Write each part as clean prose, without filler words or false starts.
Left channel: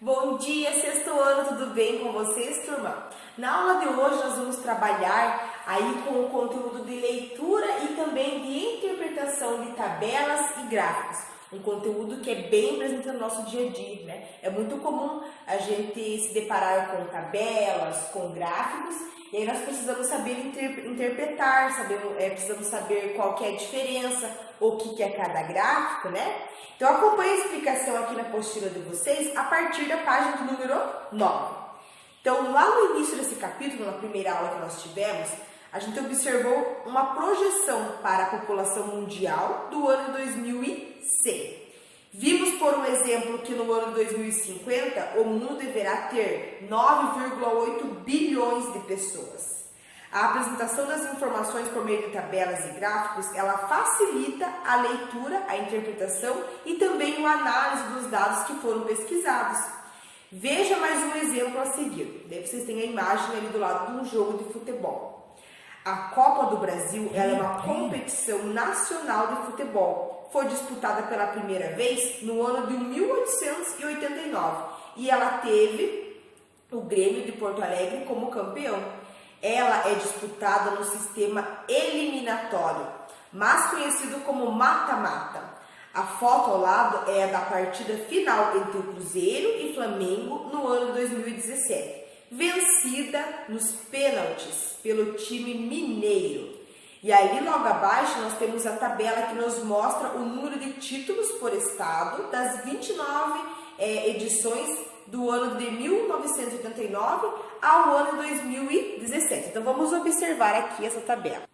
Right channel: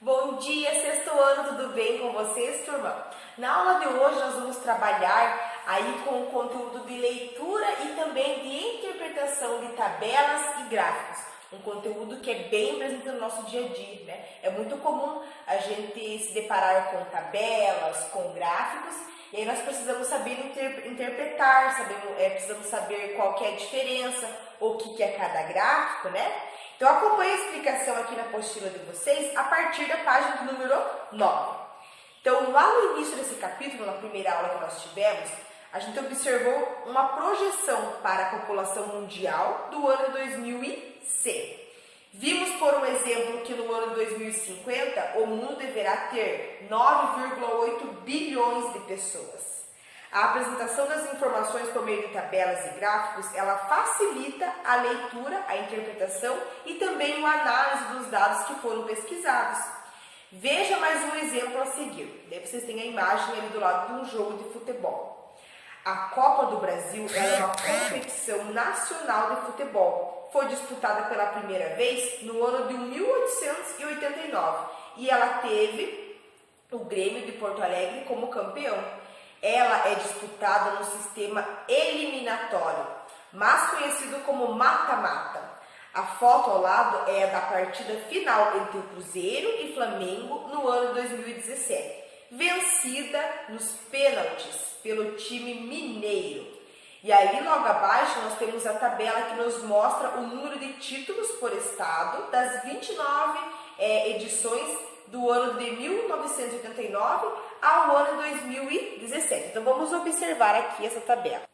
Bom dia, sexto ano, tudo bem com vocês, turma? Na aula de hoje nós vamos trabalhar aí com o conteúdo de leitura e também de interpretação de tabelas e gráficos. Um conteúdo que é bem presente no nosso dia a dia, né? É muito comum a gente se deparar com tabelas, com gráficos, e aí nós precisamos saber interpretar, precisamos saber qual que é a diferença, o que é cada gráfico, né? Então acompanhe a explicação aqui na apostila de vocês a partir da página do número 9. Então lá no início desse capítulo, na primeira aula que nós tivemos, a gente observou uma projeção para a população mundial do ano de 2100. Vimos, por um exemplo, que no ano de 2050 o mundo deverá ter 9,8 bilhões de pessoas. A apresentação das informações por meio de tabelas e gráficos, ela facilita a leitura, a interpretação e também a análise dos dados que foram pesquisados. Veja mais um exemplo a seguir. Daí vocês têm a imagem ali do lado de um jogo de futebol. A Copa do Brasil ela é uma competição nacional de futebol. Foi disputada pela primeira vez no ano de 1889 e ela teve o Grêmio de Porto Alegre como campeão. Ela é disputada no sistema eliminatório, mais conhecido como mata-mata. A foto ao lado é a da partida final entre o Cruzeiro e Flamengo no ano de 2017, vencida nos pênaltis pelo time mineiro. E ali logo abaixo nós temos a tabela que nos mostra o número de títulos por estado das 29 edições do ano de 1989 ao ano de 2017. Então vamos observar aqui essa tabela.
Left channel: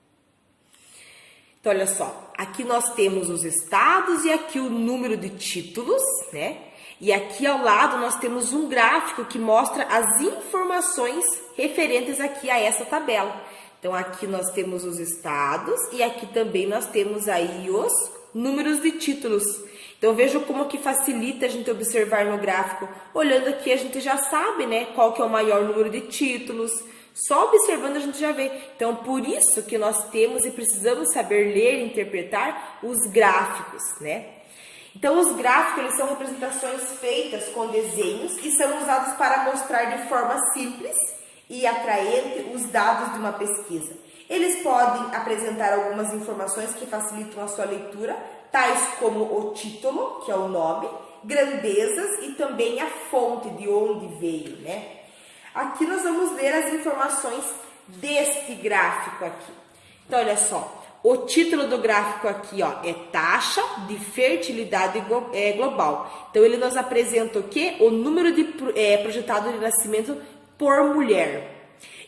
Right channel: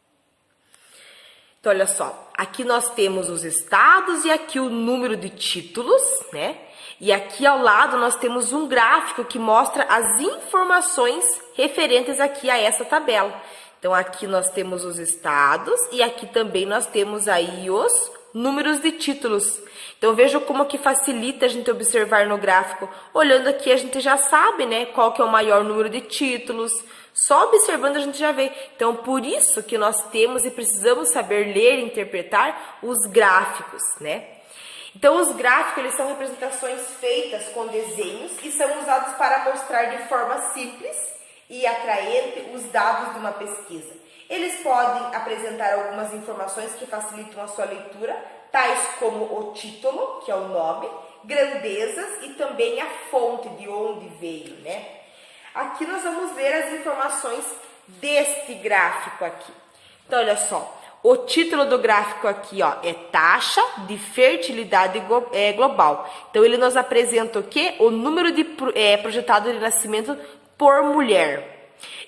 Então olha só, aqui nós temos os estados e aqui o número de títulos, né? E aqui ao lado nós temos um gráfico que mostra as informações referentes aqui a essa tabela. Então aqui nós temos os estados e aqui também nós temos aí os números de títulos. Então veja como que facilita a gente observar no gráfico. Olhando aqui a gente já sabe, né, qual que é o maior número de títulos. Só observando a gente já vê. Então por isso que nós temos e precisamos saber ler e interpretar os gráficos, né? Então os gráficos eles são representações feitas com desenhos e são usados para mostrar de forma simples e atraente os dados de uma pesquisa. Eles podem apresentar algumas informações que facilitam a sua leitura, tais como o título, que é o nome, grandezas e também a fonte de onde veio, né? Aqui nós vamos ver as informações deste gráfico aqui. Então, olha só, o título do gráfico aqui, ó, é taxa de fertilidade global. Então, ele nos apresenta o quê? O número de projetado de nascimento por mulher.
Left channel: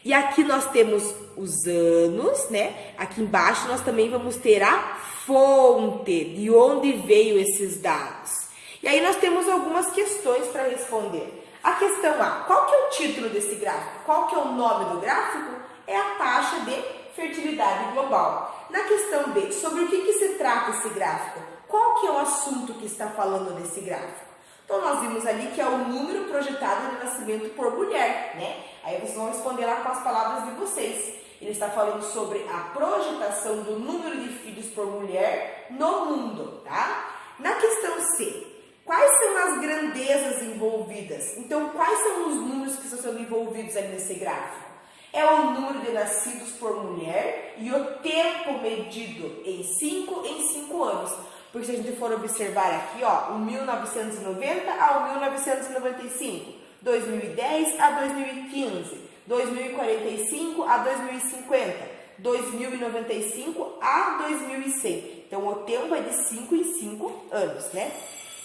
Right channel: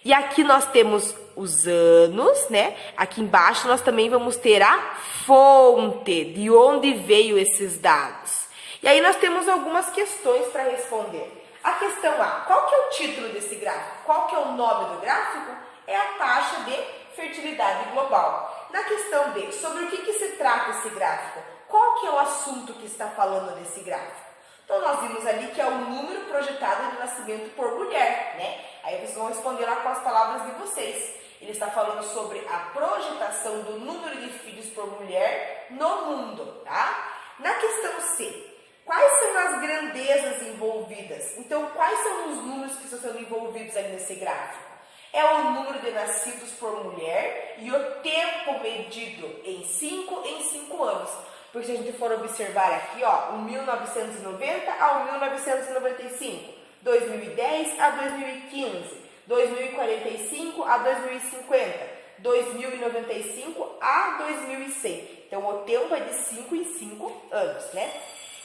E aqui nós temos os anos, né? Aqui embaixo nós também vamos ter a fonte, de onde veio esses dados. E aí nós temos algumas questões para responder. A questão A, qual que é o título desse gráfico? Qual que é o nome do gráfico? É a taxa de fertilidade global. Na questão B, sobre o que se trata esse gráfico? Qual que é o assunto que está falando desse gráfico? Então, nós vimos ali que é o número projetado de nascimento por mulher, né? Aí vocês vão responder lá com as palavras de vocês. Ele está falando sobre a projetação do número de filhos por mulher no mundo, tá? Na questão C, quais são as grandezas envolvidas? Então, quais são os números que estão sendo envolvidos ali nesse gráfico? É o número de nascidos por mulher e o tempo medido em 5 anos. Porque se a gente for observar aqui, ó, o 1990 ao 1995, 2010 a 2015, 2045 a 2050, 2095 a 2100. Então, o tempo é de 5 em 5 anos, né?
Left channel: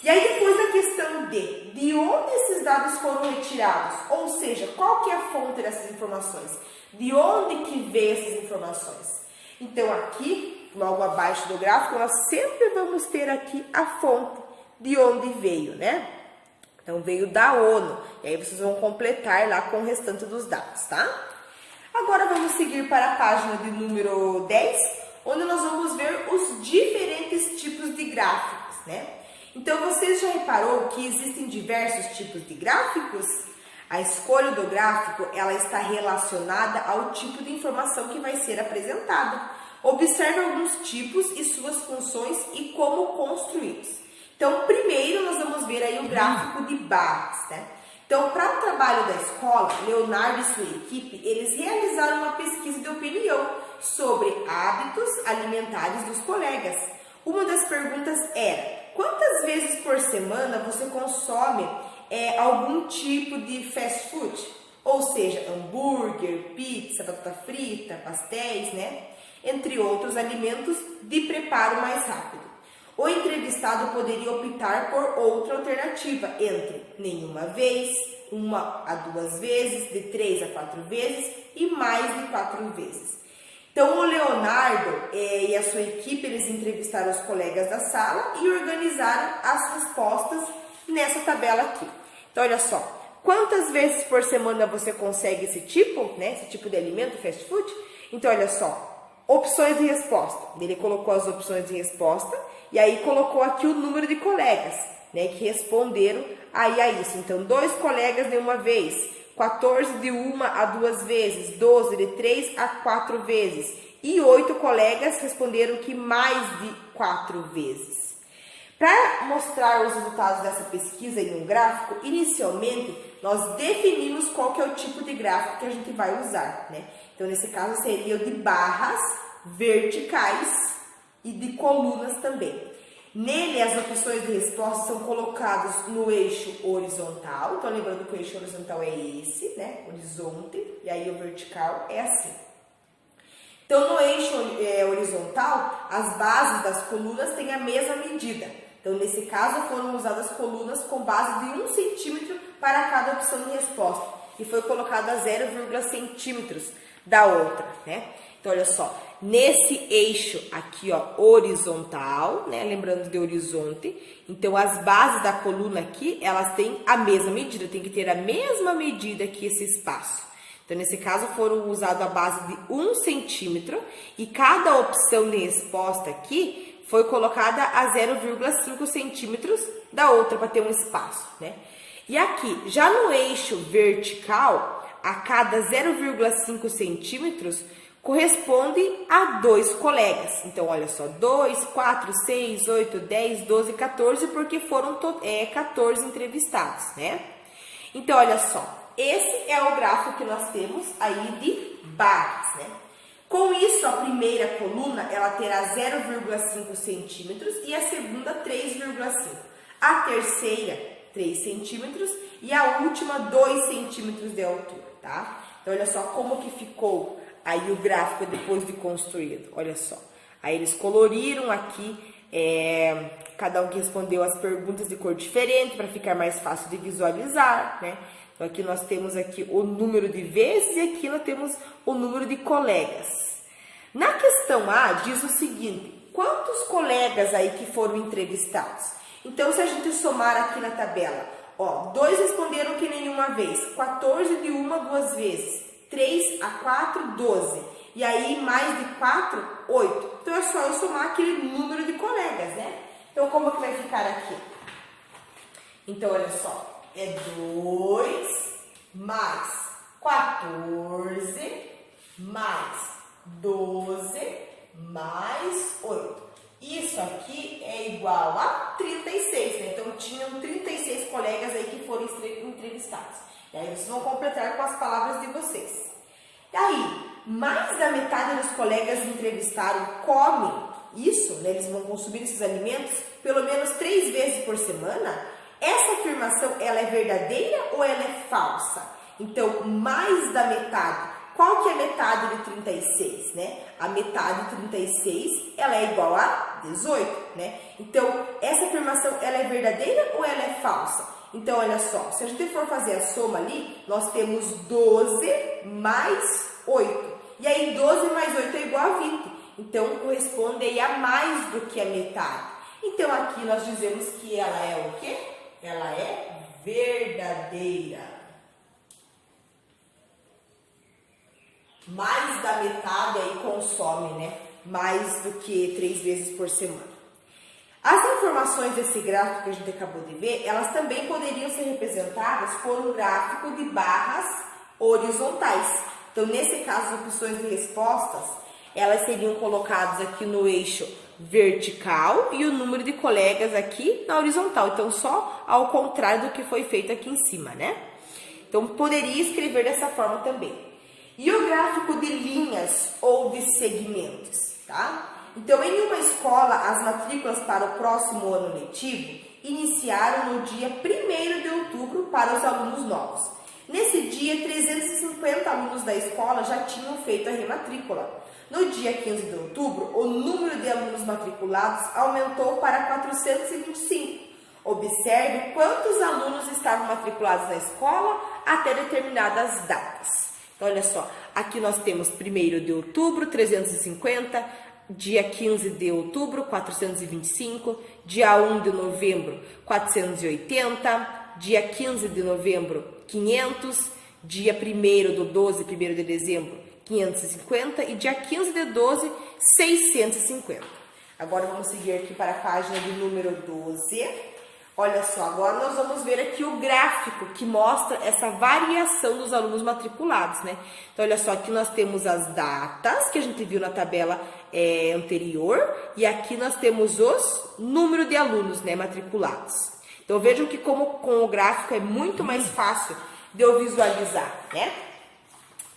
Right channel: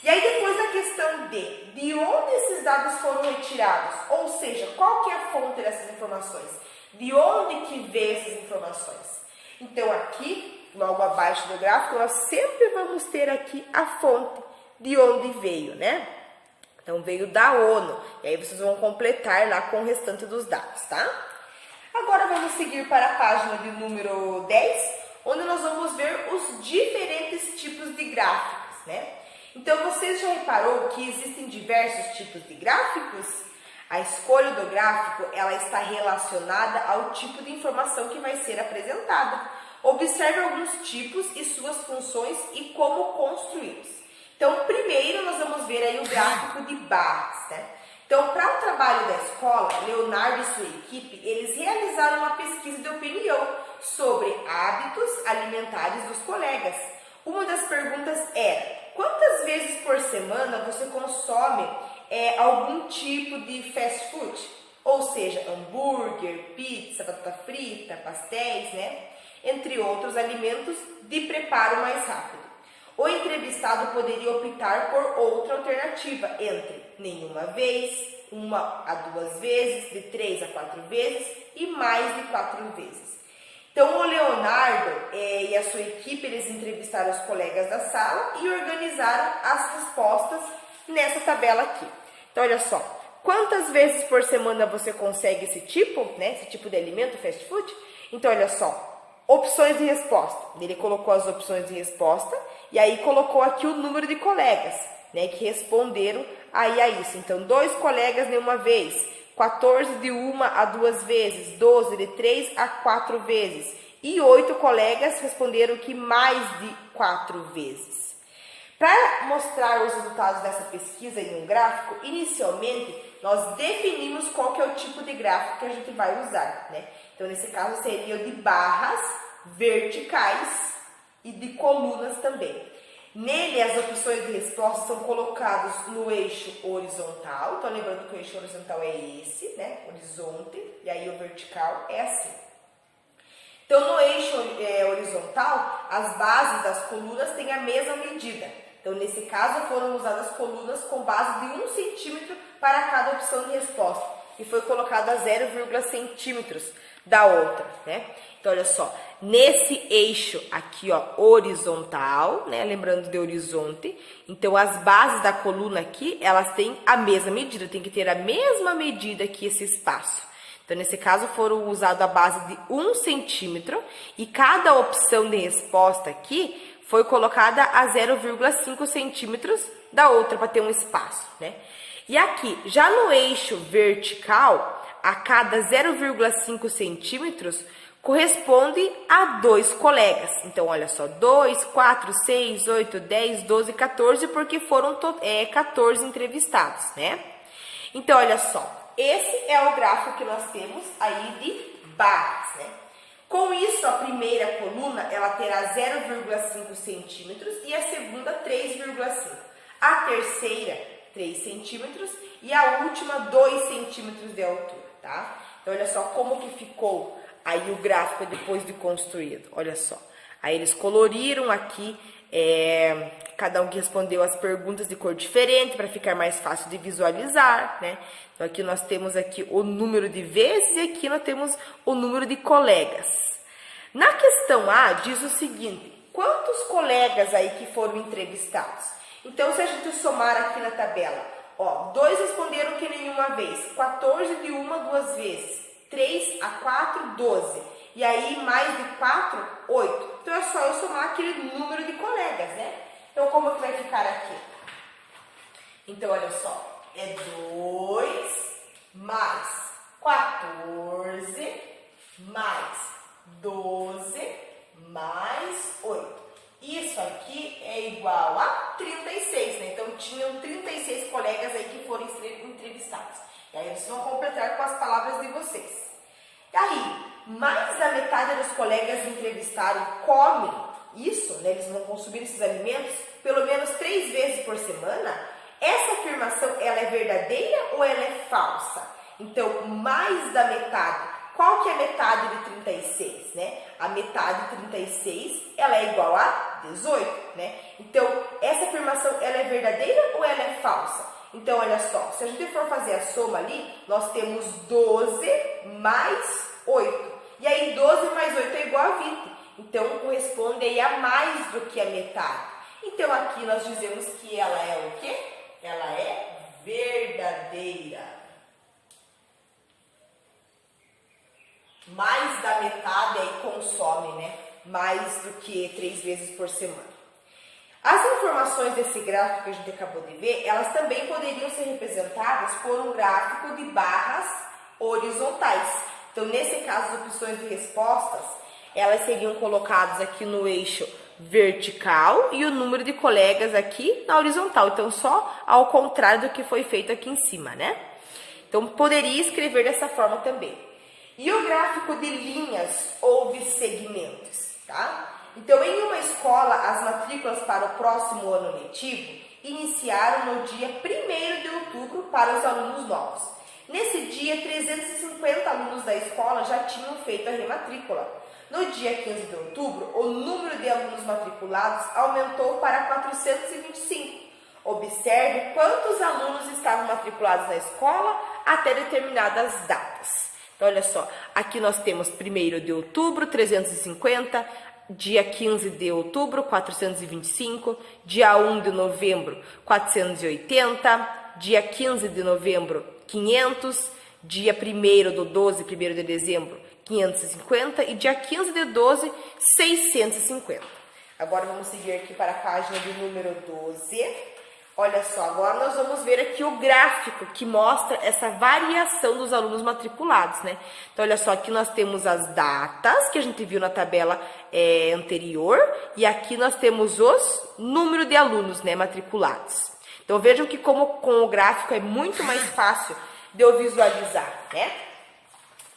E aí, depois da questão D, de onde esses dados foram retirados? Ou seja, qual que é a fonte dessas informações? De onde que vê essas informações? Então, aqui, logo abaixo do gráfico, nós sempre vamos ter aqui a fonte de onde veio, né? Então, veio da ONU. E aí, vocês vão completar lá com o restante dos dados, tá? Agora, vamos seguir para a página de número 10, onde nós vamos ver os diferentes tipos de gráficos, né? Então, vocês já reparou que existem diversos tipos de gráficos? A escolha do gráfico, ela está relacionada ao tipo de informação que vai ser apresentada. Observe alguns tipos e suas funções e como construí-los. Então, primeiro nós vamos ver aí o gráfico de barras, né? Então, para o trabalho da escola, Leonardo e sua equipe, eles realizaram uma pesquisa de opinião sobre hábitos alimentares dos colegas. Uma das perguntas era: quantas vezes por semana você consome algum tipo de fast food? Ou seja, hambúrguer, pizza, batata frita, pastéis, né? Entre outros alimentos de preparo mais rápido. O entrevistado poderia optar por outra alternativa, entre nenhuma vez, 1 a 2 vezes, de 3 a 4 vezes e mais de 4 vezes. Então, o Leonardo e a sua equipe, eles entrevistaram os colegas da sala e organizaram as respostas nessa tabela aqui. Então, olha só. Quantas vezes por semana você consegue esse tipo de alimento, fast food? Então, olha só, opções de resposta. Ele colocou as opções de resposta e aí colocou aqui o número de colegas, né, que responderam aí a isso. Então, 2 colegas de uma vez, 14 de 1 a 2 vezes, 12 de 3 a 4 vezes e 8 colegas responderam que mais de 4 vezes. Para mostrar os resultados dessa pesquisa em um gráfico, inicialmente nós definimos qual que é o tipo de gráfico que a gente vai usar, né? Então, nesse caso, seria o de barras verticais e de colunas também. Nele, as opções de resposta são colocadas no eixo horizontal. Então, lembrando que o eixo horizontal é esse, né? Horizonte, e aí o vertical é assim. Então, no eixo horizontal, as bases das colunas têm a mesma medida. Então, nesse caso, foram usadas colunas com base de 1 centímetro para cada opção de resposta. E foi colocado a 0,1 centímetros da outra, né? Então, olha só. Nesse eixo aqui, ó, horizontal, né? Lembrando de horizonte. Então, as bases da coluna aqui, elas têm a mesma medida. Tem que ter a mesma medida que esse espaço. Então, nesse caso, foram usadas a base de 1 centímetro. E cada opção de resposta aqui foi colocada a 0,5 centímetros da outra para ter um espaço, né? E aqui, já no eixo vertical, a cada 0,5 centímetros corresponde a 2 colegas. Então, olha só, 2, 4, 6, 8, 10, 12, 14, porque foram 14 entrevistados, né? Então, olha só, esse é o gráfico que nós temos aí de barras, né? Com isso, a primeira coluna, ela terá 0,5 centímetros e a segunda 3,5. A terceira, 3 centímetros e a última, 2 centímetros de altura, tá? Então, olha só como que ficou aí o gráfico depois de construído, olha só. Aí eles coloriram aqui, cada um que respondeu as perguntas de cor diferente para ficar mais fácil de visualizar, né? Então, aqui nós temos aqui o número de vezes e aqui nós temos o número de colegas. Na questão A, diz o seguinte: quantos colegas aí que foram entrevistados? Então, se a gente somar aqui na tabela, ó, 2 responderam que nenhuma vez, 14 de 1 a 2 vezes, 3 a 4, 12. E aí, mais de 4, 8. Então, é só eu somar aquele número de colegas, né? Então, como que vai ficar aqui? Então, olha só, é 2 mais 14 mais 12 mais 8. Isso aqui é igual a 36, né? Então, tinham 36 colegas aí que foram entrevistados. E aí, vocês vão completar com as palavras de vocês. E aí, mais da metade dos colegas entrevistados comem isso, né? Eles vão consumir esses alimentos pelo menos 3 vezes por semana. Essa afirmação, ela é verdadeira ou ela é falsa? Então, mais da metade. Qual que é a metade de 36, né? A metade de 36, ela é igual a 18, né? Então, essa afirmação, ela é verdadeira ou ela é falsa? Então, olha só, se a gente for fazer a soma ali, nós temos 12 mais 8. E aí, 12 mais 8 é igual a 20. Então, corresponde aí a mais do que a metade. Então, aqui nós dizemos que ela é o quê? Ela é verdadeira. Mais da metade aí consome, né? Mais do que 3 vezes por semana. As informações desse gráfico que a gente acabou de ver, elas também poderiam ser representadas por um gráfico de barras horizontais. Então, nesse caso, as opções de respostas, elas seriam colocadas aqui no eixo vertical e o número de colegas aqui na horizontal. Então, só ao contrário do que foi feito aqui em cima, né? Então, poderia escrever dessa forma também. E o gráfico de linhas ou de segmentos, tá? Então, em uma escola, as matrículas para o próximo ano letivo iniciaram no dia 1º de outubro para os alunos novos. Nesse dia, 350 alunos da escola já tinham feito a rematrícula. No dia 15 de outubro, o número de alunos matriculados aumentou para 425. Observe quantos alunos estavam matriculados na escola até determinadas datas. Então, olha só, aqui nós temos 1º de outubro, 350, dia 15 de outubro, 425, dia 1 de novembro, 480, dia 15 de novembro, 500, dia 1º do 12, 1º de dezembro, 550 e dia 15 de 12, 650. Agora vamos seguir aqui para a página de número 12. Olha só, agora nós vamos ver aqui o gráfico que mostra essa variação dos alunos matriculados, né? Então, olha só, aqui nós temos as datas que a gente viu na tabela anterior e aqui nós temos os números de alunos, né, matriculados. Então, vejam que como com o gráfico é muito mais fácil de eu visualizar, né?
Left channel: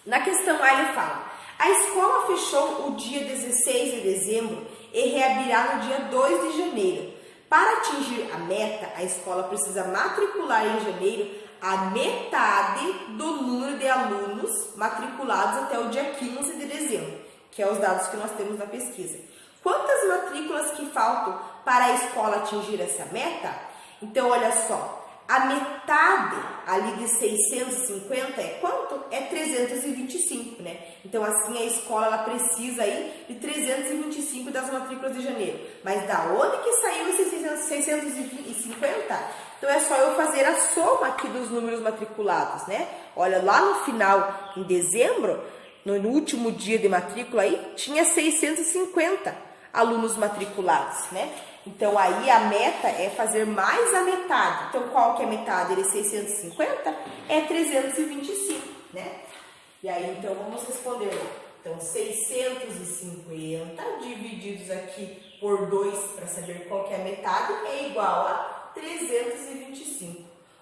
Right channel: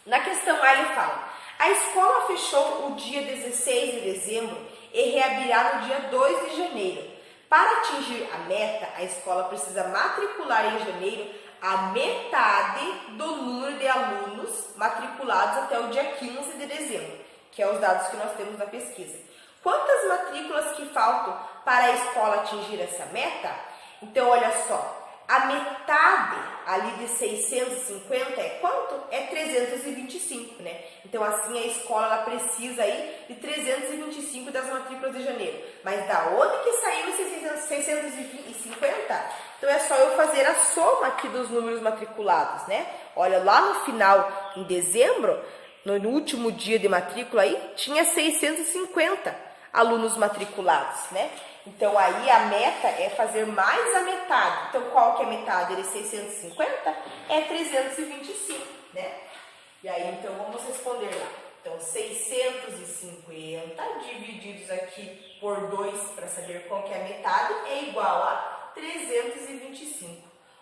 Na questão A ele fala, a escola fechou o dia 16 de dezembro e reabrirá no dia 2 de janeiro. Para atingir a meta, a escola precisa matricular em janeiro a metade do número de alunos matriculados até o dia 15 de dezembro, que é os dados que nós temos na pesquisa. Quantas matrículas que faltam para a escola atingir essa meta? Então, olha só, a metade ali de 650 é quanto? É 325, né? Então, assim, a escola ela precisa aí de 325 das matrículas de janeiro. Mas da onde que saiu esses 650? Então, é só eu fazer a soma aqui dos números matriculados, né? Olha, lá no final, em dezembro, no último dia de matrícula aí, tinha 650 alunos matriculados, né? Então, aí a meta é fazer mais a metade. Então, qual que é a metade? Ele é 650? É 325, né? E aí, então, vamos responder lá. Então, 650 divididos aqui por 2, para saber qual que é a metade, é igual a 325.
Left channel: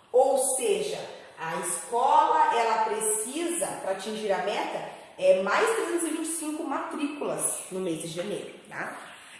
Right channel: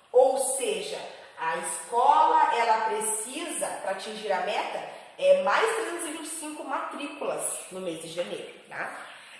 Ou seja, a escola, ela precisa, para atingir a meta, mais 325 matrículas no mês de janeiro, tá?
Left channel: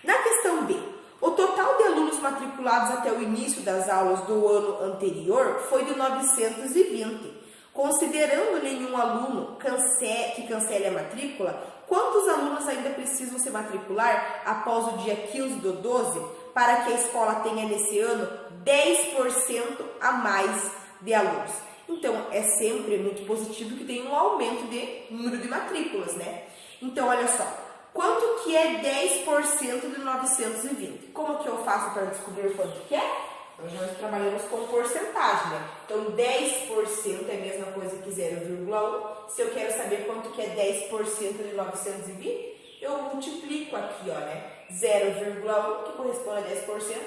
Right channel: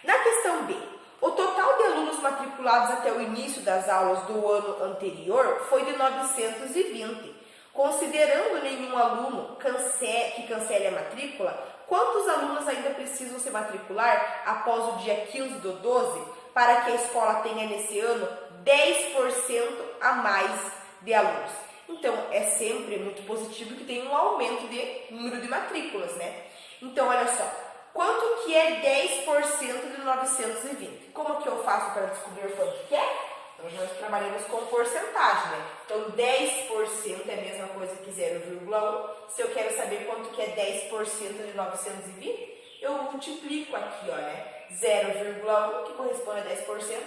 Na questão B, o total de alunos matriculados até o início das aulas do ano anterior foi de 920. Considerando nenhum aluno que cancele a matrícula, quantos alunos ainda precisam se matricular após o dia 15 do 12 para que a escola tenha nesse ano 10% a mais de alunos? Então, é sempre muito positivo que tenha um aumento de número de matrículas, né? Então, olha só. Quanto que é 10% de 920? Como que eu faço para descobrir quanto que é? Então, nós trabalhamos com porcentagem, né? Então, 10% é a mesma coisa que 0,1. Se eu quero saber quanto que é 10% de 920, eu multiplico aqui, ó, né? 0,1, que corresponde a 10%,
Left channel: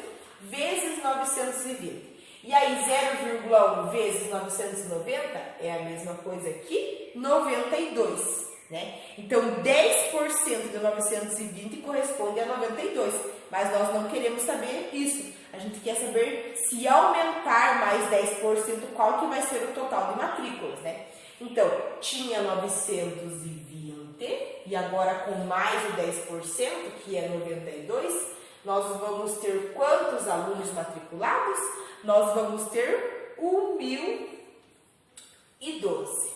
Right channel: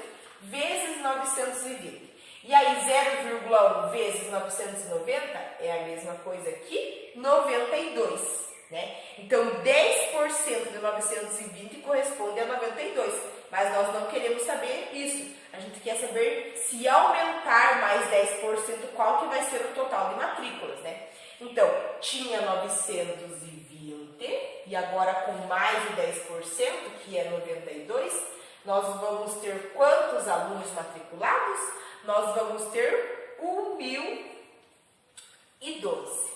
vezes 920. E aí, 0,1 vezes 990 é a mesma coisa que 92. Né? Então, 10% de 920 corresponde a 92, mas nós não queremos saber isso. A gente quer saber se aumentar mais 10%, qual que vai ser o total de matrículas, né? Então, tinha 920 e agora com mais o 10%, que é 92, nós vamos ter quantos alunos matriculados? Nós vamos ter 1.012.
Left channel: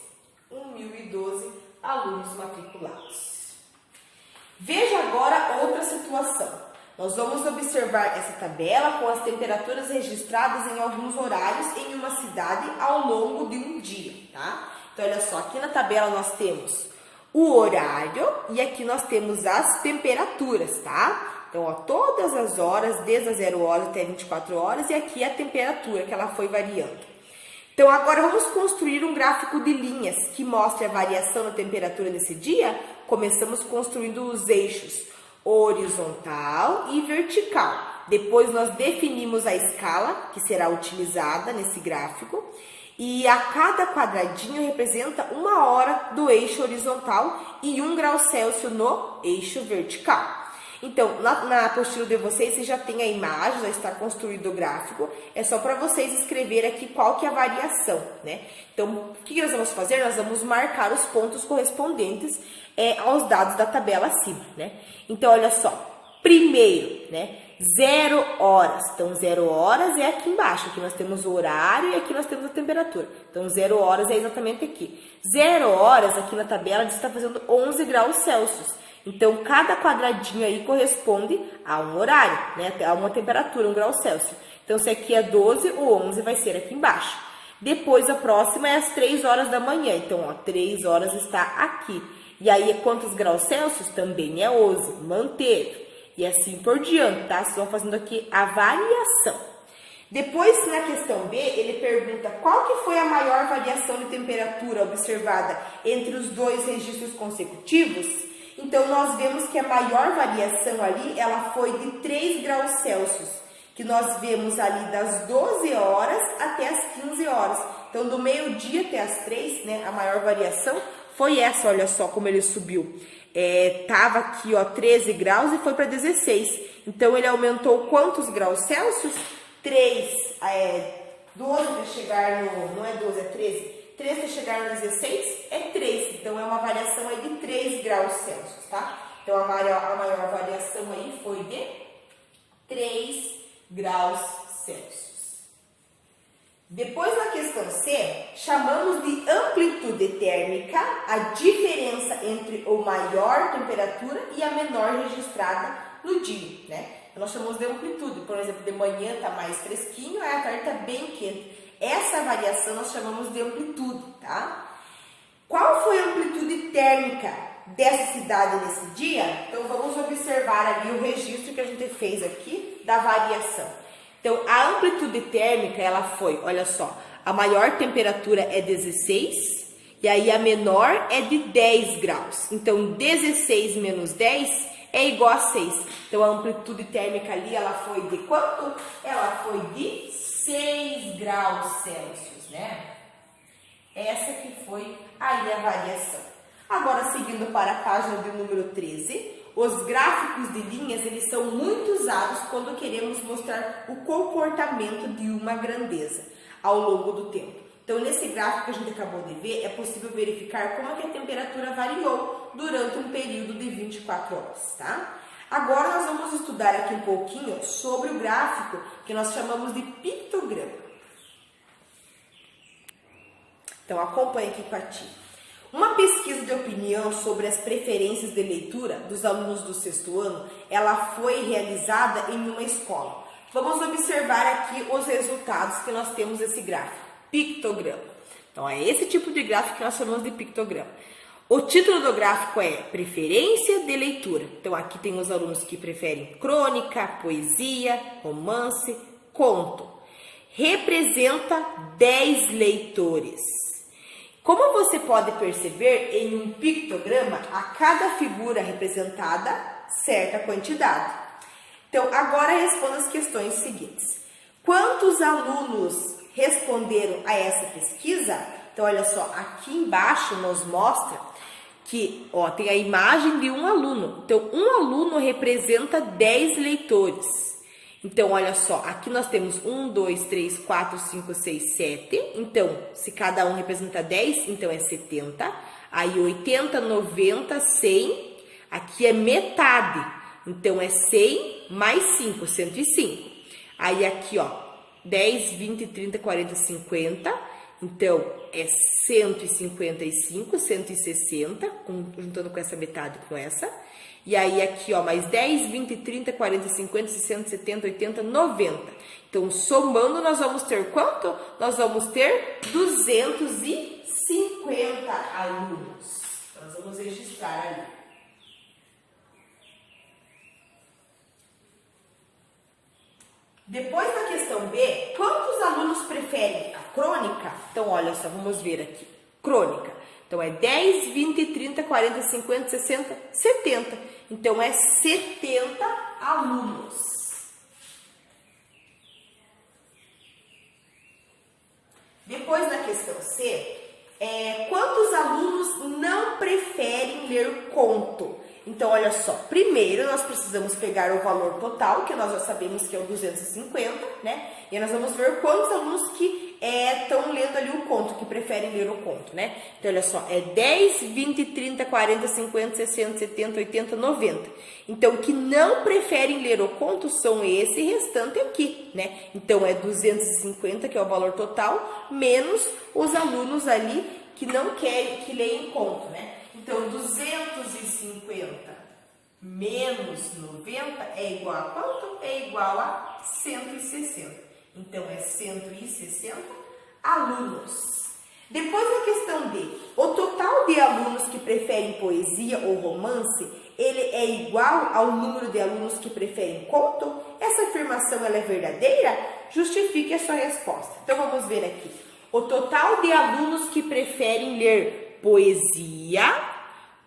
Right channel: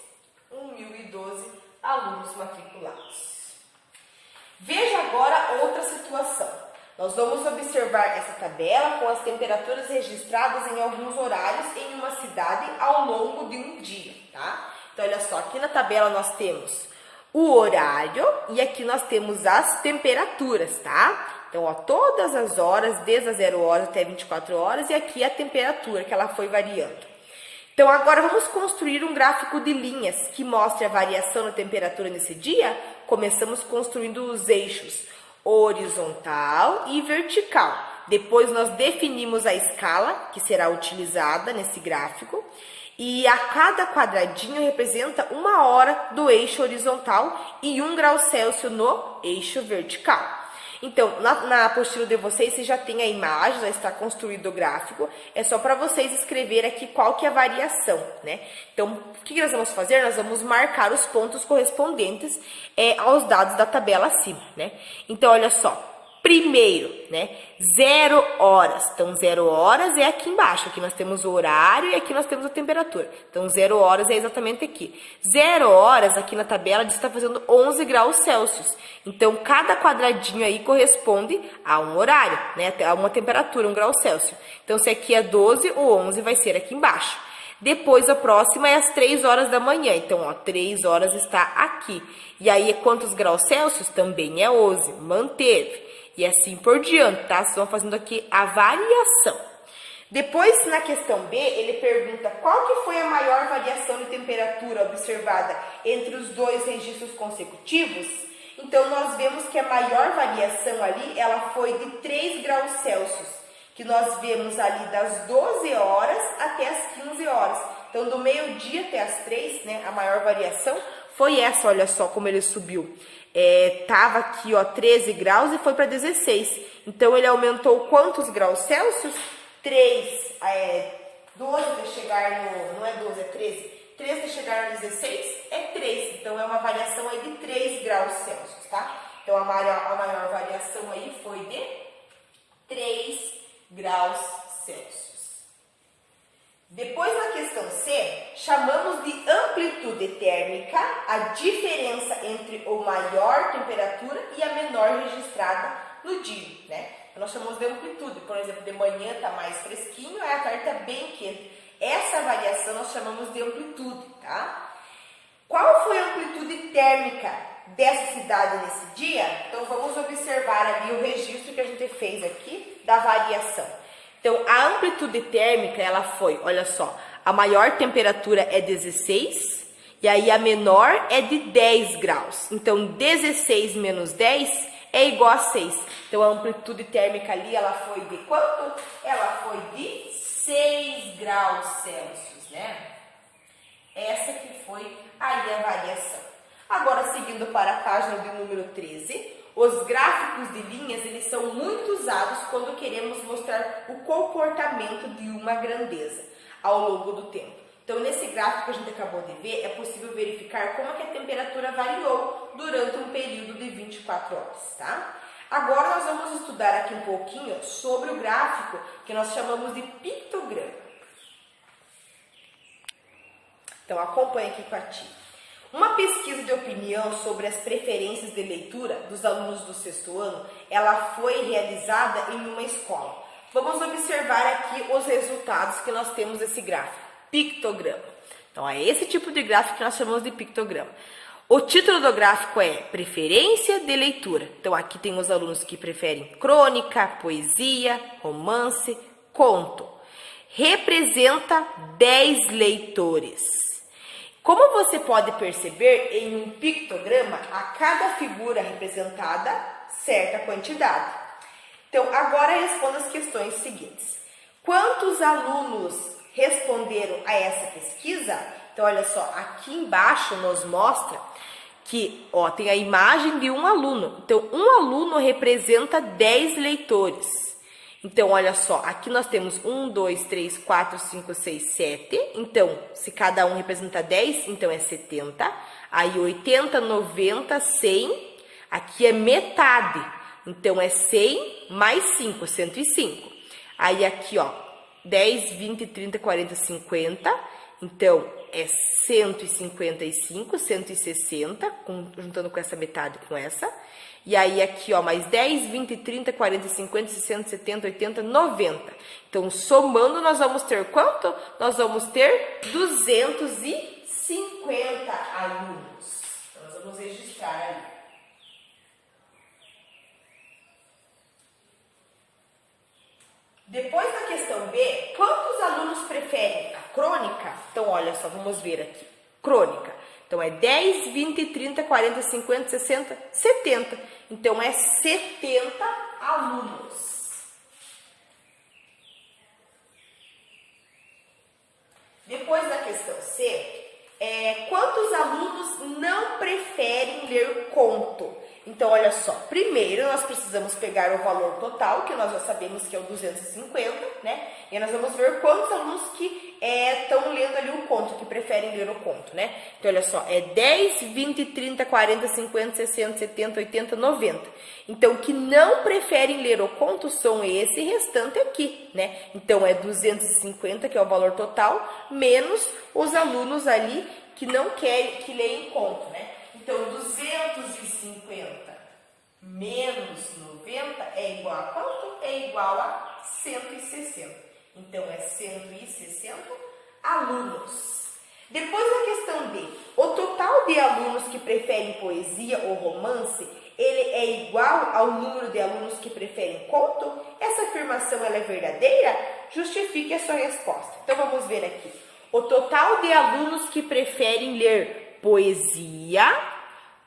1.012 alunos matriculados. Veja agora outra situação. Nós vamos observar essa tabela com as temperaturas registradas em alguns horários em uma cidade ao longo de um dia, tá? Então, olha só, aqui na tabela nós temos o horário e aqui nós temos as temperaturas, tá? Então, ó, todas as horas, desde as 0 horas até 24 horas, e aqui a temperatura que ela foi variando. Então, agora vamos construir um gráfico de linhas que mostre a variação da temperatura nesse dia. Começamos construindo os eixos horizontal e vertical. Depois, nós definimos a escala que será utilizada nesse gráfico. E a cada quadradinho representa 1 hora do eixo horizontal e 1 grau Celsius no eixo vertical. Então, na apostila de vocês, já tem a imagem, já está construído o gráfico. É só para vocês escreverem aqui qual que é a variação, né? Então, o que nós vamos fazer? Nós vamos marcar os pontos correspondentes aos dados da tabela acima, né? Então, olha só. Primeiro, né? 0 horas. Então, 0 horas é aqui embaixo. Aqui nós temos o horário e aqui nós temos a temperatura. Então, 0 horas é exatamente aqui. 0 horas, aqui na tabela, diz que está fazendo 11 graus Celsius. Então, cada quadradinho aí corresponde a um horário, né? A uma temperatura, 1 grau Celsius. Então, se aqui é 12, o 11 vai ser aqui embaixo. Depois, a próxima é às 3 horas da manhã. Então, ó, 3 horas está aqui. E aí, quantos graus Celsius? Também é 11. Manteve. E assim por diante, tá? Vocês vão fazendo aqui a variação. Depois, na questão B, ele pergunta qual que foi a maior variação de temperatura observada entre os dois registros consecutivos. Então, nós vemos que a maior variação ali, ela foi de 3 graus Celsius, que nós vemos ali das 12 horas até as 15 horas. Então, do meio-dia até as 3, né, a maior variação foi essa, olha só como ele subiu. Tava aqui, ó, 13 graus e foi para 16. Então, ele aumentou quantos graus Celsius? 3, 12 até chegar no... Não é 12, é 13. 13 até chegar no 16 é 3. Então, é uma variação aí de 3 graus Celsius, tá? Então, a maior variação aí foi de 3 graus Celsius. Depois, na questão C, chamamos de amplitude térmica a diferença entre a maior temperatura e a menor registrada no dia, né? Nós chamamos de amplitude. Por exemplo, de manhã está mais fresquinho, à tarde está bem quente. Essa variação nós chamamos de amplitude, tá? Qual foi a amplitude térmica dessa cidade nesse dia? Então, vamos observar ali o registro que a gente fez aqui da variação. Então, a amplitude térmica, ela foi, olha só, a maior temperatura é 16 e aí a menor é de 10 graus. Então, 16 menos 10 é igual a 6. Então, a amplitude térmica ali, ela foi de quanto? Ela foi de 6 graus Celsius, né? Essa que foi aí a variação. Agora, seguindo para a página do número 13... Os gráficos de linhas, eles são muito usados quando queremos mostrar o comportamento de uma grandeza ao longo do tempo. Então, nesse gráfico que a gente acabou de ver, é possível verificar como é que a temperatura variou durante um período de 24 horas, tá? Agora, nós vamos estudar aqui um pouquinho sobre o gráfico que nós chamamos de pictograma. Então, acompanhe aqui com a tia. Uma pesquisa de opinião sobre as preferências de leitura dos alunos do 6º ano, ela foi realizada em uma escola. Vamos observar aqui os resultados que nós temos nesse gráfico, pictograma. Então, é esse tipo de gráfico que nós chamamos de pictograma. O título do gráfico é Preferência de Leitura. Então, aqui tem os alunos que preferem crônica, poesia, romance, conto. Representa 10 leitores. Como você pode perceber, em um pictograma, a cada figura representada, certa quantidade. Então, agora responda as questões seguintes. Quantos alunos responderam a essa pesquisa? Então, olha só, aqui embaixo nos mostra que, ó, tem a imagem de um aluno. Então, um aluno representa 10 leitores. Então, olha só, aqui nós temos 1, 2, 3, 4, 5, 6, 7. Então, se cada um representa 10, então é 70. Aí, 80, 90, 100. Aqui é metade. Então, é 100 mais 5, 105. Aí, aqui, ó, 10, 20, 30, 40, 50. Então, é 155, 160, juntando com essa metade com essa. E aí, aqui, ó, mais 10, 20, 30, 40, 50, 60, 70, 80, 90. Então, somando, nós vamos ter quanto? Nós vamos ter 250 alunos. Nós vamos registrar aí. Depois da questão B, quantos alunos preferem a crônica? Então, olha só, vamos ver aqui. Crônica. Então, é 10, 20, 30, 40, 50, 60, 70. Então, é 70 alunos. Depois da questão C, quantos alunos não preferem ler conto? Então, olha só, primeiro nós precisamos pegar o valor total, que nós já sabemos que é o 250, né? E nós vamos ver quantos alunos que estão lendo ali o conto, que preferem ler o conto, né? Então, olha só, é 10, 20, 30, 40, 50, 60, 70, 80, 90. Então, que não preferem ler o conto são esse restante aqui, né? Então, é 250, que é o valor total, menos os alunos ali que não querem, que leem conto, né? Então, 250 menos 90 é igual a quanto? É igual a 160. Então, é 160 alunos. Depois, na questão D, o total de alunos que preferem poesia ou romance, ele é igual ao número de alunos que preferem conto? Essa afirmação ela é verdadeira? Justifique a sua resposta. Então, vamos ver aqui. O total de alunos que preferem ler poesia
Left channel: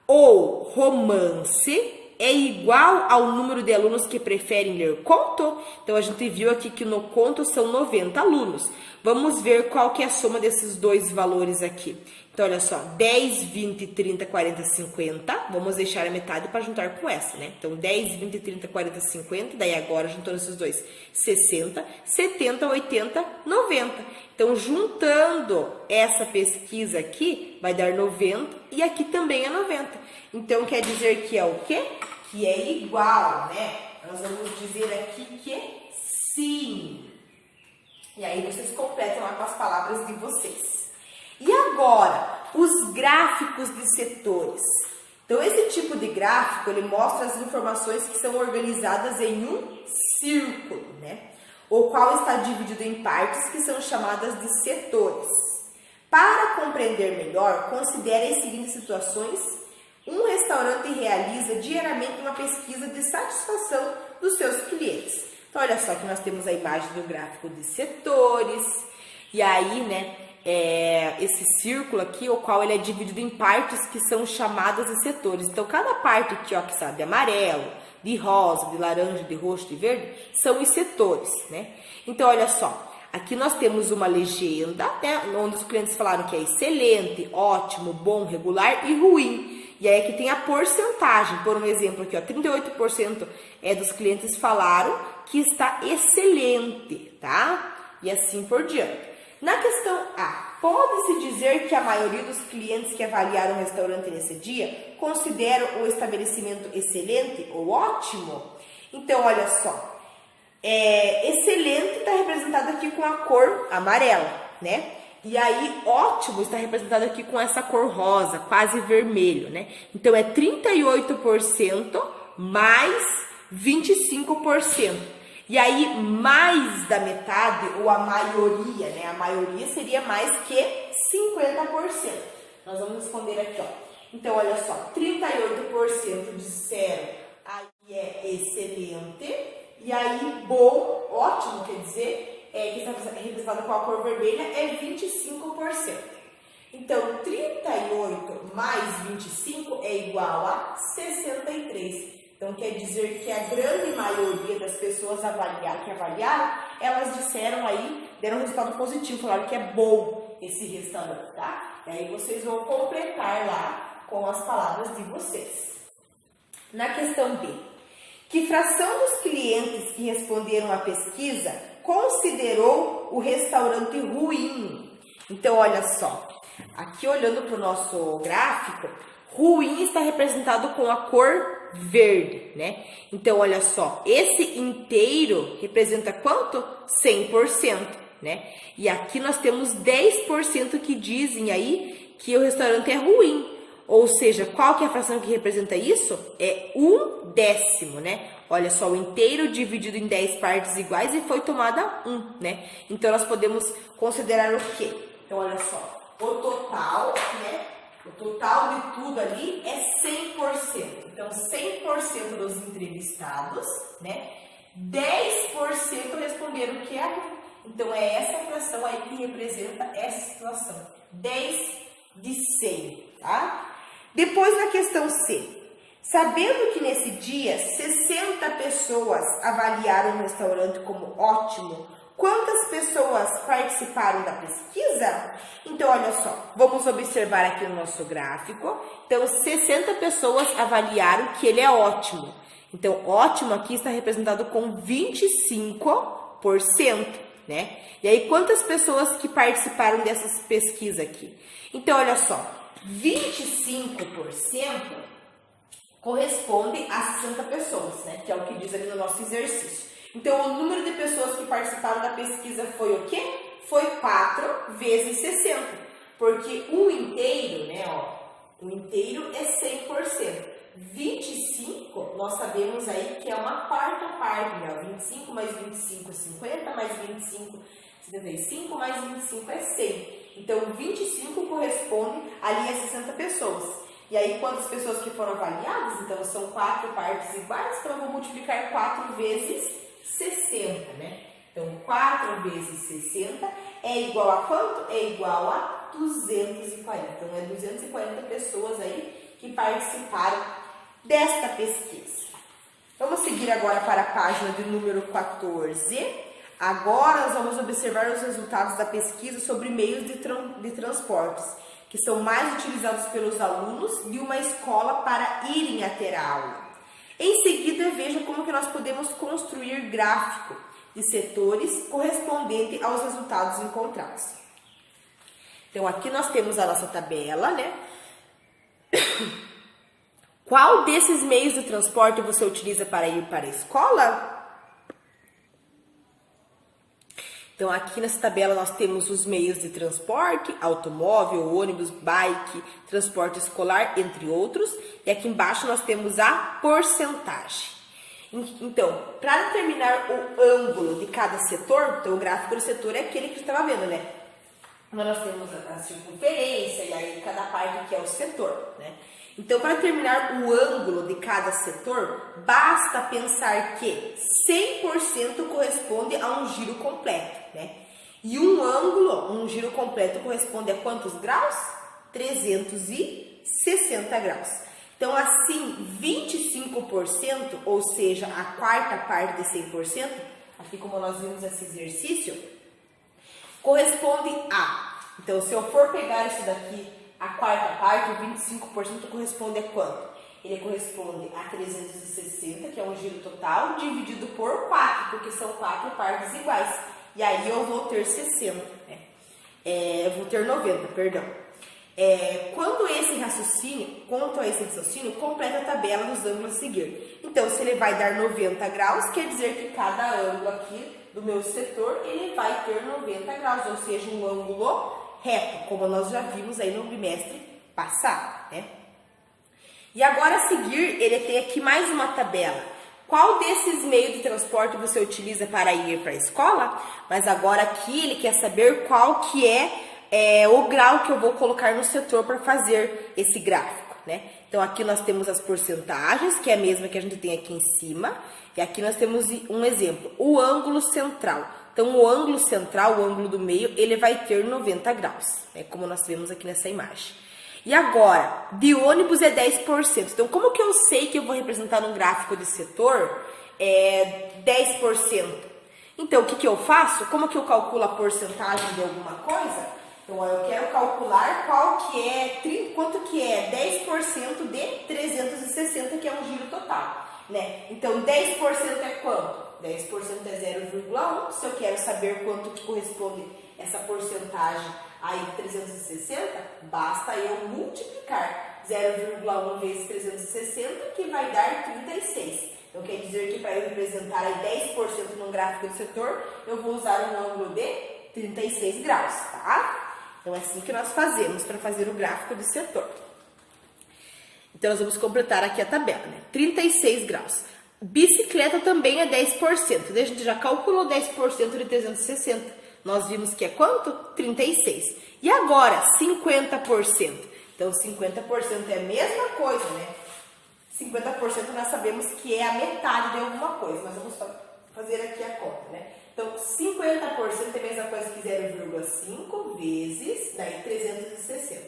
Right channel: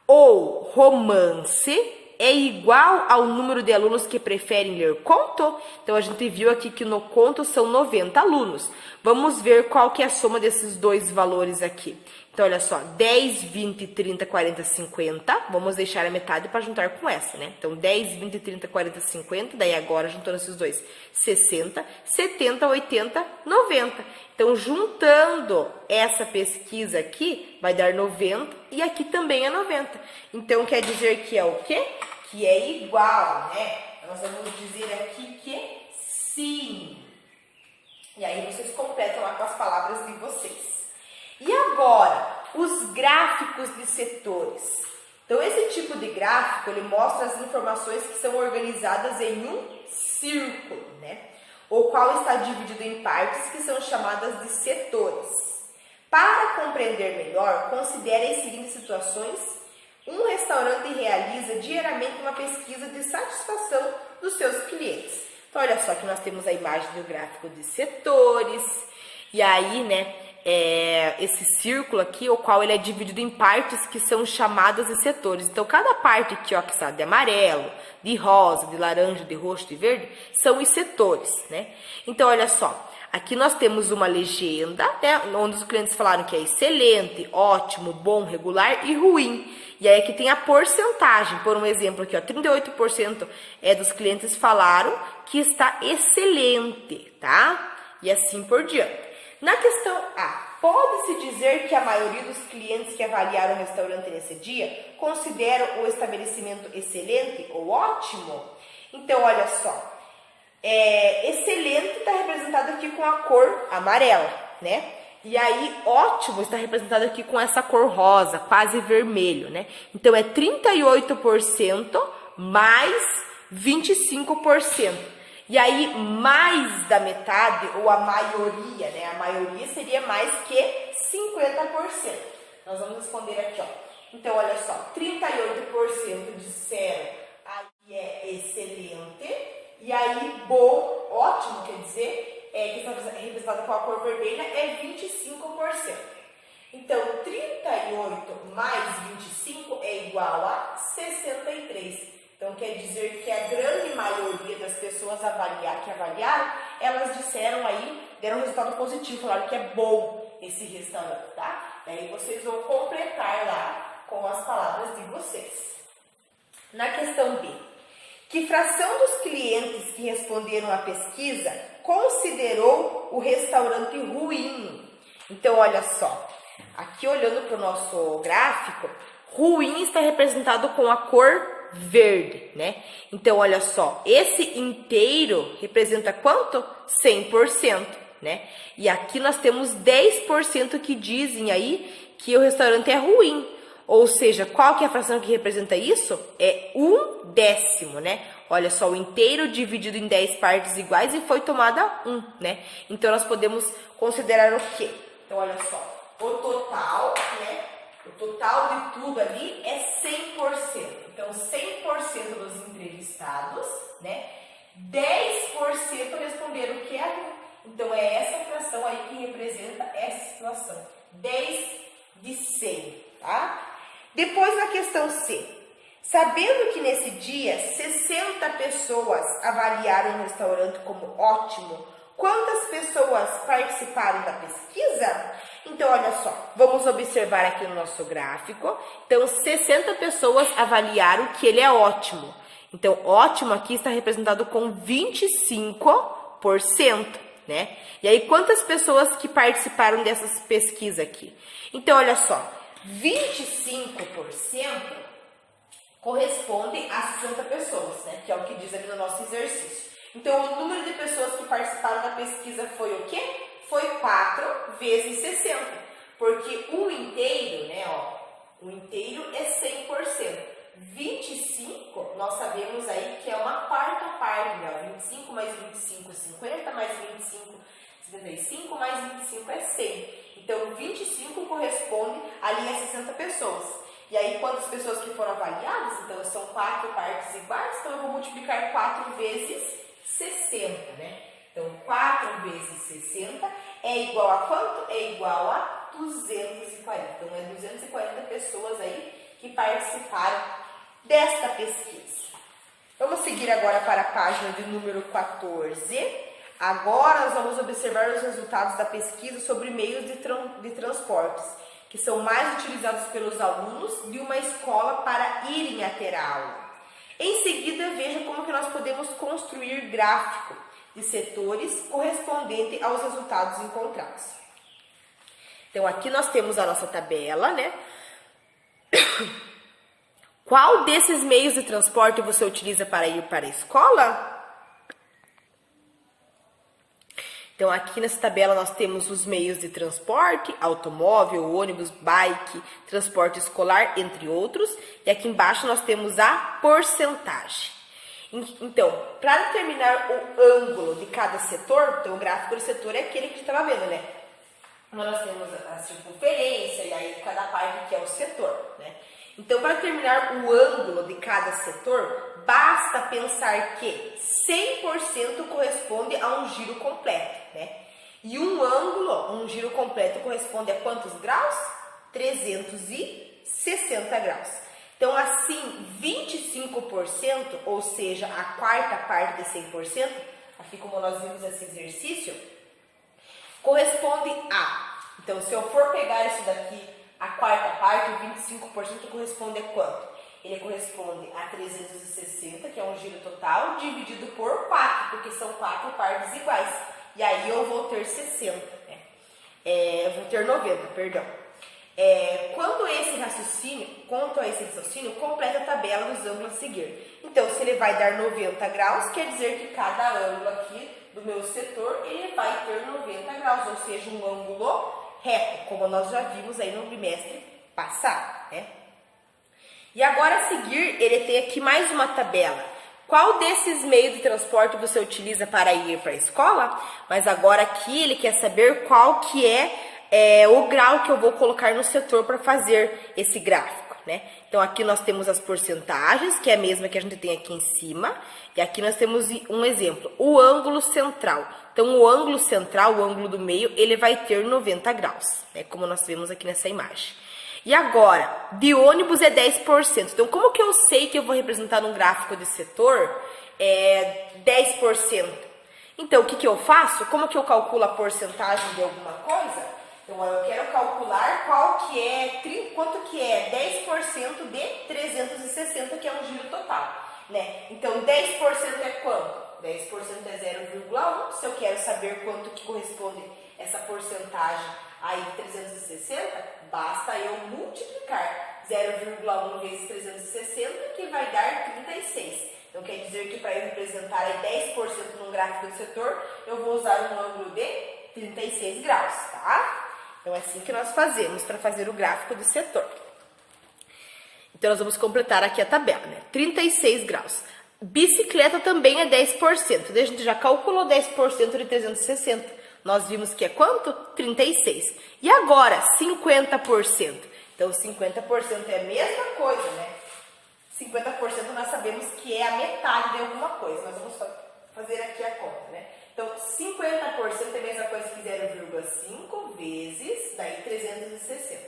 ou romance é igual ao número de alunos que preferem ler conto? Então, a gente viu aqui que no conto são 90 alunos. Vamos ver qual que é a soma desses dois valores aqui. Então, olha só, 10, 20, 30, 40, 50. Vamos deixar a metade para juntar com essa, né? Então, 10, 20, 30, 40, 50. Daí, agora, juntando esses dois, 60, 70, 80, 90. Então, juntando essa pesquisa aqui, vai dar 90 e aqui também é 90. Então, quer dizer que é o quê? Que é igual, né? Nós vamos dizer aqui que sim. E aí, vocês completam lá com as palavras de vocês. E agora, os gráficos de setores. Então, esse tipo de gráfico, ele mostra as informações que são organizadas em um círculo, né? O qual está dividido em partes que são chamadas de setores. Para compreender melhor, considere as seguintes situações. Um restaurante realiza diariamente uma pesquisa de satisfação dos seus clientes. Então, olha só que nós temos a imagem do gráfico de setores. E aí, né, esse círculo aqui, o qual ele é dividido em partes que são chamadas de setores. Então, cada parte aqui, ó, que está de amarelo, de rosa, de laranja, de roxo, de verde, são os setores, né? Então, olha só, aqui nós temos uma legenda, né, onde os clientes falaram que é excelente, ótimo, bom, regular e ruim. E aí aqui tem a porcentagem, por um exemplo aqui, ó, 38% dos clientes falaram que está excelente, tá? E assim por diante. Na questão A, pode-se dizer que a maioria dos clientes que avaliaram o restaurante nesse dia consideram o estabelecimento excelente ou ótimo? Então, olha só, excelente está representado aqui com a cor amarela, né? E aí, ótimo está representado aqui com essa cor rosa, quase vermelho, né? Então, é 38% mais 25%. E aí, mais da metade, ou a maioria, né? A maioria seria mais que 50%. Nós vamos responder aqui, ó. Então, olha só, 38% disseram aí é excelente. E aí, bom, ótimo, quer dizer, que está representado com a cor vermelha, é 25%. Então, 38 mais 25 é igual a 63%. Então, quer dizer que a grande maioria das pessoas que avaliaram, elas disseram aí, deram um resultado positivo, falaram que é bom esse restaurante, tá? E aí vocês vão completar lá com as palavras de vocês. Na questão B, que fração dos clientes que responderam à pesquisa considerou o restaurante ruim? Então, olha só, aqui olhando para o nosso gráfico, ruim está representado com a cor verde, né? Então, olha só, esse inteiro representa quanto? 100%, né? E aqui nós temos 10% que dizem aí que o restaurante é ruim. Ou seja, qual que é a fração que representa isso? É 1/10, né? Olha só, o inteiro dividido em 10 partes iguais e foi tomada 1, né? Então, nós podemos considerar o quê? Então, olha só, o total, né? O total de tudo ali é 100%. Então, 100% dos entrevistados, né? 10% responderam que é ruim. Então, é essa fração aí que representa essa situação. 10 de 100, tá? Depois, na questão C. Sabendo que nesse dia 60 pessoas avaliaram o restaurante como ótimo, quantas pessoas participaram da pesquisa? Então, olha só, vamos observar aqui no nosso gráfico. Então, 60 pessoas avaliaram que ele é ótimo. Então, ótimo aqui está representado com 25%, né? E aí, quantas pessoas que participaram dessas pesquisas aqui? Então, olha só, 25% corresponde a 60 pessoas, né? Que é o que diz ali no nosso exercício. Então, o número de pessoas que participaram da pesquisa foi o quê? Foi 4 vezes 60, porque o inteiro, né, ó, o inteiro é 100%. 25, nós sabemos aí que é uma quarta parte, né? 25 mais 25 50, mais 25, 75, mais 25 é 100. Então, 25 corresponde ali a 60 pessoas. E aí, quantas pessoas que foram avaliadas? Então, são 4 partes iguais, então eu vou multiplicar 4 vezes 60, né? Então, 4 vezes 60 é igual a quanto? É igual a 240. Então, é 240 pessoas aí que participaram desta pesquisa. Vamos seguir agora para a página de número 14. Agora, nós vamos observar os resultados da pesquisa sobre meios de transportes, que são mais utilizados pelos alunos de uma escola para irem até a aula. Em seguida, veja como que nós podemos construir gráfico de setores correspondente aos resultados encontrados. Então, aqui nós temos a nossa tabela, né? Qual desses meios de transporte você utiliza para ir para a escola? Então, aqui nessa tabela nós temos os meios de transporte, automóvel, ônibus, bike, transporte escolar, entre outros. E aqui embaixo nós temos a porcentagem. Então, para determinar o ângulo de cada setor, então o gráfico do setor é aquele que a gente estava vendo, né? Nós temos a circunferência e aí cada parte que é o setor, né? Então, para determinar o ângulo de cada setor, basta pensar que 100% corresponde a um giro completo, né? E um giro completo corresponde a quantos graus? 360 graus. Então, assim, 25%, ou seja, a quarta parte de 100%, aqui como nós vimos nesse exercício, corresponde a... Então, se eu for pegar isso daqui, a quarta parte, o 25% corresponde a quanto? Ele corresponde a 360, que é um giro total, dividido por 4, porque são 4 partes iguais. E aí eu vou ter 60, né? Eu vou ter 90, perdão. Quanto a esse raciocínio, completa a tabela dos ângulos a seguir. Então, se ele vai dar 90 graus, quer dizer que cada ângulo aqui do meu setor, ele vai ter 90 graus, ou seja, um ângulo reto, como nós já vimos aí no bimestre passado, né? E agora a seguir, ele tem aqui mais uma tabela. Qual desses meios de transporte você utiliza para ir para a escola? Mas agora aqui ele quer saber qual que é o grau que eu vou colocar no setor para fazer esse gráfico, né? Então, aqui nós temos as porcentagens, que é a mesma que a gente tem aqui em cima. E aqui nós temos um exemplo, o ângulo central. Então, o ângulo central, o ângulo do meio, ele vai ter 90 graus, né? Como nós vemos aqui nessa imagem. E agora, de ônibus é 10%. Então, como que eu sei que eu vou representar num gráfico de setor 10%? Então, o que que eu faço? Como que eu calculo a porcentagem de alguma coisa? Então, eu quero calcular quanto que é 10% de 360, que é um giro total, né? Então, 10% é quanto? 10% é 0,1. Se eu quero saber quanto que corresponde essa porcentagem aí de 360, basta eu multiplicar 0,1 vezes 360, que vai dar 36. Então, quer dizer que para eu representar aí 10% num gráfico do setor, eu vou usar um ângulo de 36 graus, tá? Então, é assim que nós fazemos para fazer o gráfico do setor. Então, nós vamos completar aqui a tabela, né? 36 graus. Bicicleta também é 10%. A gente já calculou 10% de 360. Nós vimos que é quanto? 36. E agora, 50%. Então, 50% é a mesma coisa, né? 50% nós sabemos que é a metade de alguma coisa. Nós vamos fazer aqui a conta, né? Então, 50% é a mesma coisa que 0,5 vezes, daí 360.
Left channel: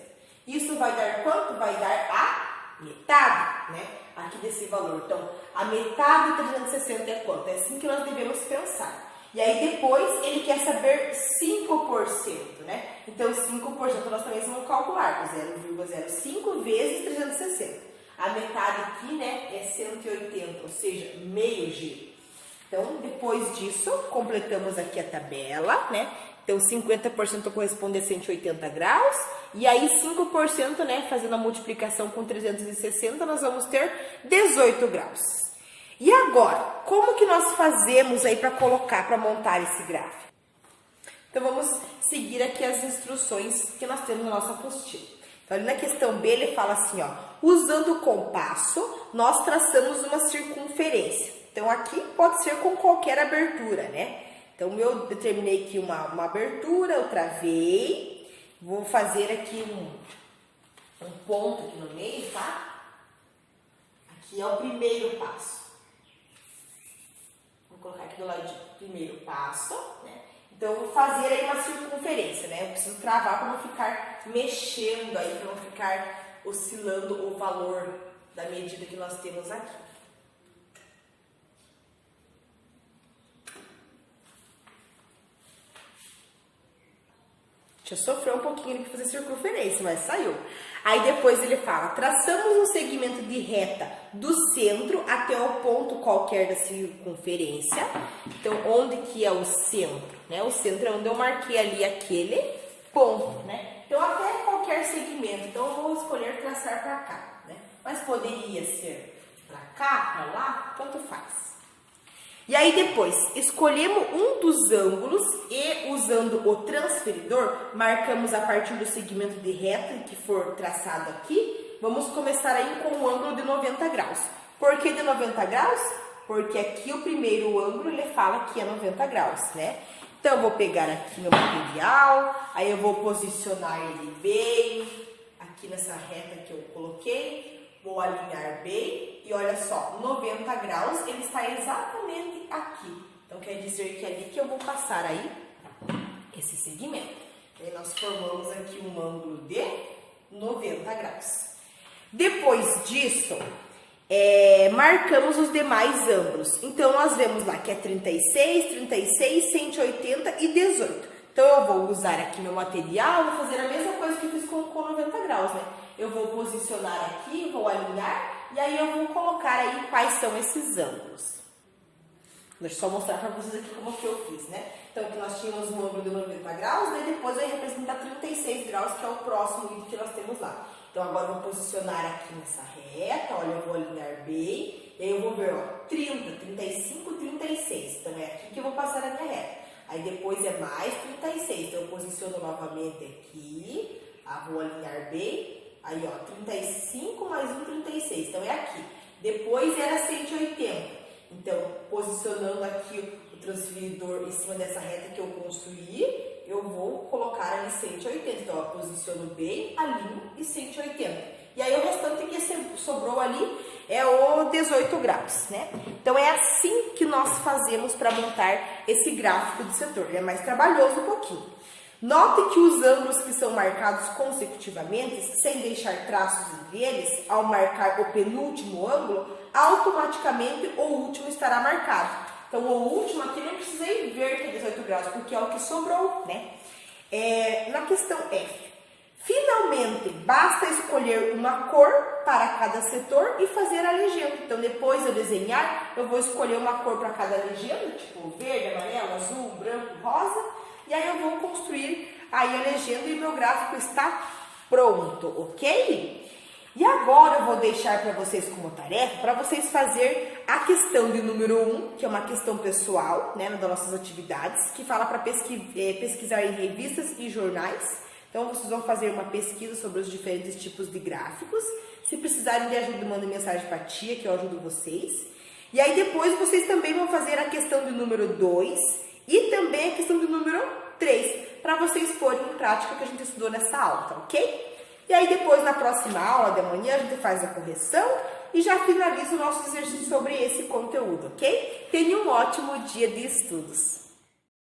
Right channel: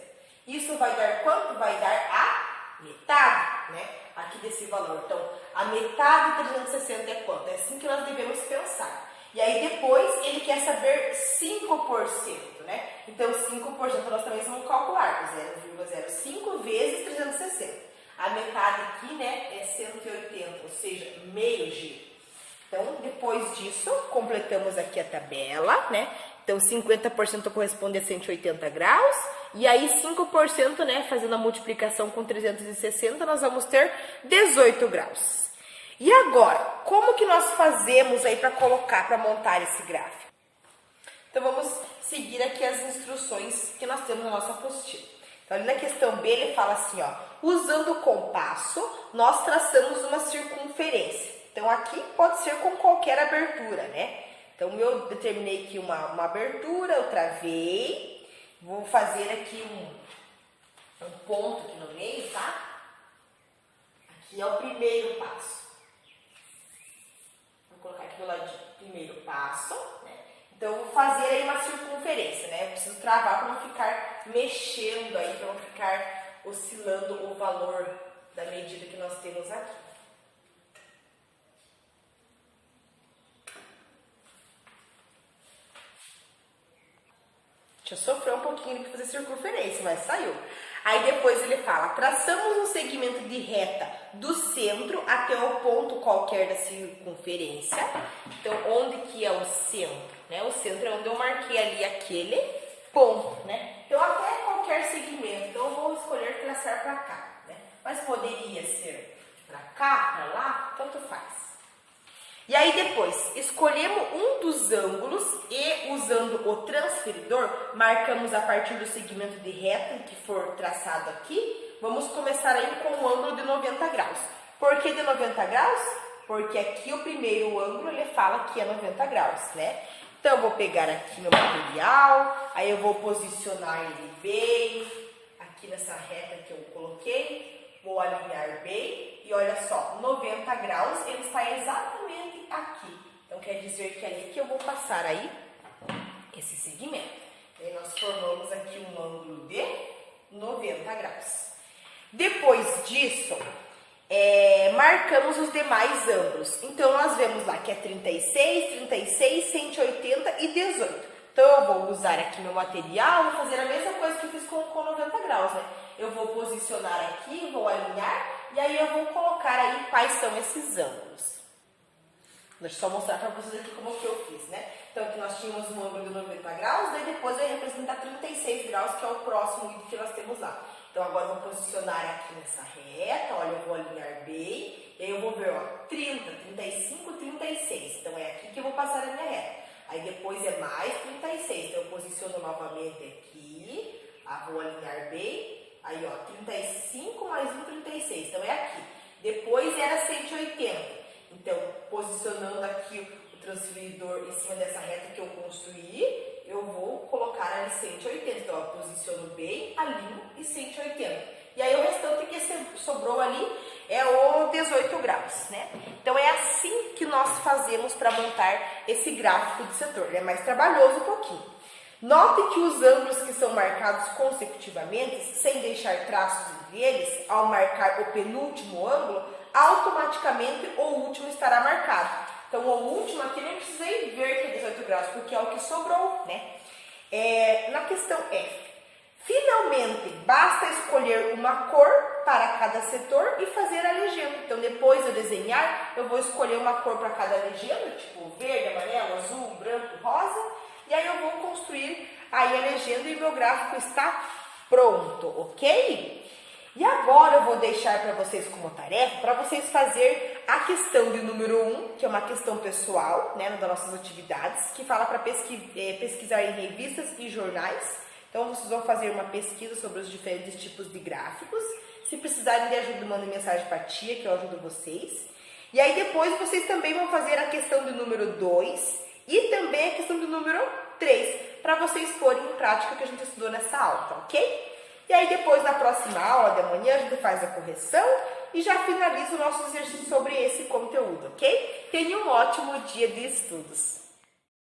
Isso vai dar quanto? Vai dar a metade, né? Aqui desse valor. Então, a metade de 360 é quanto? É assim que nós devemos pensar. E aí depois ele quer saber 5%, né? Então, 5% nós também vamos calcular, 0,05 vezes 360. A metade aqui, né, é 180, ou seja, meio G. Então, depois disso, completamos aqui a tabela, né? Então, 50% corresponde a 180 graus. E aí, 5%, né, fazendo a multiplicação com 360, nós vamos ter 18 graus. E agora, como que nós fazemos aí para colocar, para montar esse gráfico? Então, vamos seguir aqui as instruções que nós temos na nossa apostila. Então, ali na questão B, ele fala assim, ó, usando o compasso, nós traçamos uma circunferência. Então, aqui pode ser com qualquer abertura, né? Então, eu determinei aqui uma abertura, eu travei, vou fazer aqui um ponto aqui no meio, tá? Aqui é o primeiro passo. Vou colocar aqui do ladinho, primeiro passo, né? Então, eu vou fazer aí uma circunferência, né? Eu preciso travar para não ficar mexendo aí, para não ficar oscilando o valor da medida que nós temos aqui. Deixa eu sofrer um pouquinho para fazer circunferência, mas saiu. Aí depois ele fala, traçamos um segmento de reta do centro até o ponto qualquer da circunferência. Então, onde que é o centro? Né? O centro é onde eu marquei ali aquele ponto, né? Então, até qualquer segmento. Então, eu vou escolher traçar para cá, né? Mas poderia ser para cá, para lá, tanto faz. E aí depois, escolhemos um dos ângulos e, usando o transferidor, marcamos a partir do segmento de reta que for traçado aqui. Vamos começar aí com um ângulo de 90 graus. Por que de 90 graus? Porque aqui o primeiro ângulo, ele fala que é 90 graus, né? Então, eu vou pegar aqui meu material, aí eu vou posicionar ele bem, aqui nessa reta que eu coloquei. Vou alinhar bem e olha só, 90 graus ele está exatamente aqui. Então, quer dizer que é ali que eu vou passar aí esse segmento. E aí nós formamos aqui um ângulo de 90 graus. Depois disso, marcamos os demais ângulos. Então, nós vemos lá que é 36, 36, 180 e 18. Então, eu vou usar aqui meu material, vou fazer a mesma coisa que fiz com 90 graus, né? Eu vou posicionar aqui, vou alinhar e aí eu vou colocar aí quais são esses ângulos. Deixa eu só mostrar para vocês aqui como que eu fiz, né? Então, aqui nós tínhamos um ângulo de 90 graus, daí depois vai representar 36 graus, que é o próximo item que nós temos lá. Então, agora eu vou posicionar aqui nessa reta, olha, eu vou alinhar bem, e aí eu vou ver, ó, 30, 35, 36. Então, é aqui que eu vou passar a minha reta. Aí depois é mais 36, então eu posiciono novamente aqui, vou alinhar bem, aí ó, 35 mais 1, 36, então é aqui. Depois era 180, então posicionando aqui o transferidor em cima dessa reta que eu construí, eu vou colocar ali 180, então eu posiciono bem, alinho e 180. E aí o restante que sobrou ali é o 18 graus, né? Então é assim que nós fazemos para montar esse gráfico de setor. Ele é mais trabalhoso um pouquinho. Note que os ângulos que são marcados consecutivamente, sem deixar traços entre eles, ao marcar o penúltimo ângulo, automaticamente o último estará marcado. Então o último aqui nem precisei ver que é 18 graus, porque é o que sobrou, né? Na questão F. Finalmente, basta escolher uma cor para cada setor e fazer a legenda. Então, depois de eu desenhar, eu vou escolher uma cor para cada legenda, tipo verde, amarelo, azul, branco, rosa. E aí eu vou construir aí a legenda e meu gráfico está pronto, ok? E agora eu vou deixar para vocês como tarefa, para vocês fazer a questão de número 1, que é uma questão pessoal, né, das nossas atividades, que fala para pesquisar em revistas e jornais. Então, vocês vão fazer uma pesquisa sobre os diferentes tipos de gráficos. Se precisarem de ajuda, mandem mensagem para a tia, que eu ajudo vocês. E aí, depois, vocês também vão fazer a questão do número 2 e também a questão do número 3, para vocês porem em prática o que a gente estudou nessa aula, tá ok? E aí, depois, na próxima aula de amanhã, a gente faz a correção e já finaliza o nosso exercício sobre esse conteúdo, ok? Tenha um ótimo dia de estudos!